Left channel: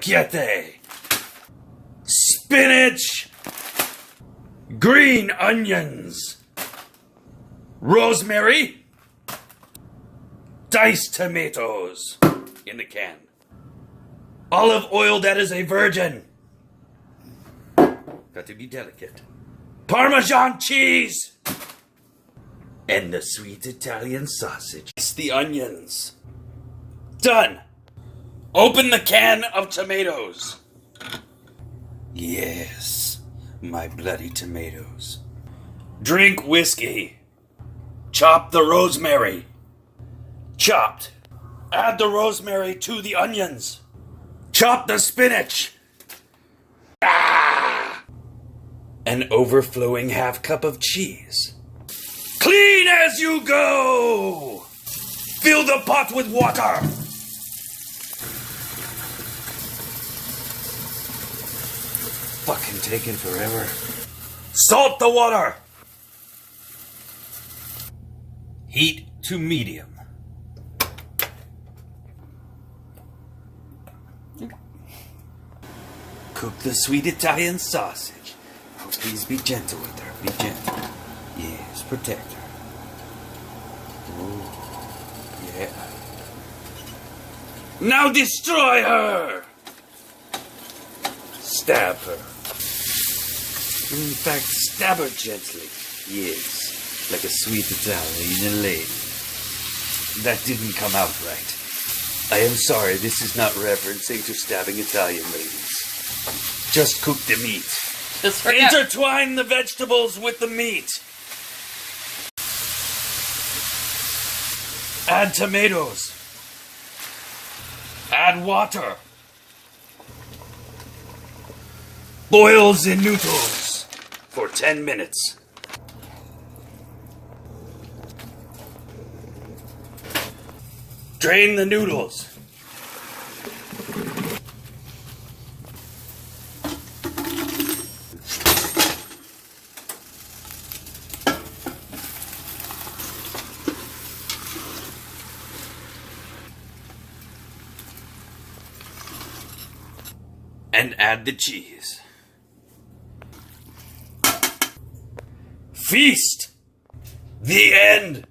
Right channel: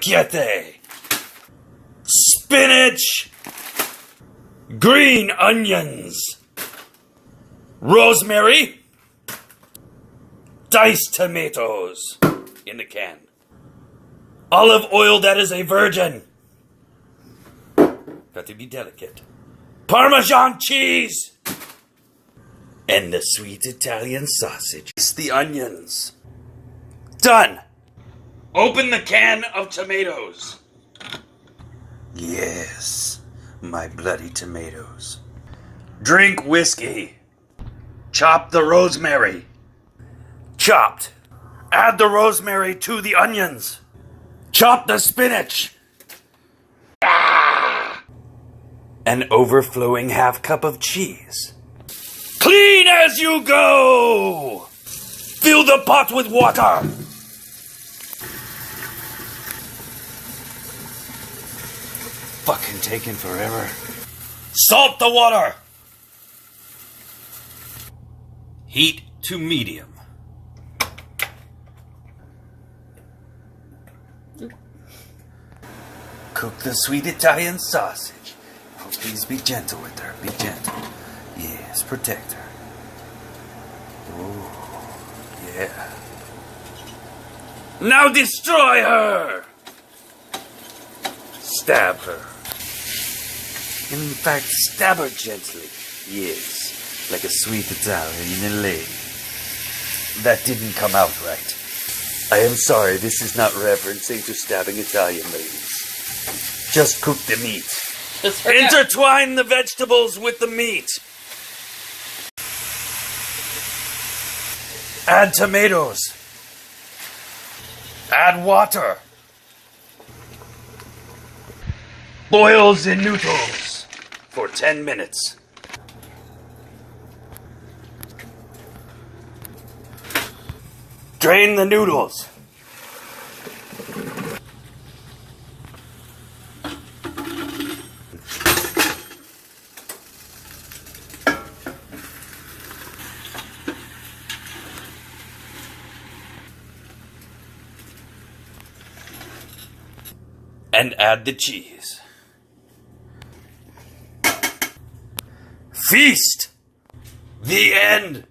Chiete, spinach, green onions, rosemary, diced tomatoes in the can, olive oil that is a virgin. Got to be delicate. Parmesan cheese, and the sweet Italian sausage. It's the onions. Done. Open the can of tomatoes. Yes, my bloody tomatoes. Drink whiskey. Chop the rosemary. Chopped. Add the rosemary to the onions. Chop the spinach. An overflowing half cup of cheese. Clean as you go! Fill the pot with water. Fucking taking forever. Salt the water. Heat to medium. Cook the sweet Italian sausage. Oh, please be gentle with her. Be gentle. Yes, protect her. Oh, yeah. Now destroy her! Stab her. In fact, stab her gently. Yes, like a sweet Italian lady. That didn't come out right. I am sorry, this is not referencing to stabbing Italian ladies. Just cook the meat. Intertwine the vegetables with the meat. Add tomatoes. Add water. Boil the noodles for 10 minutes. Drain the noodles. And add the cheese. Feast! The end!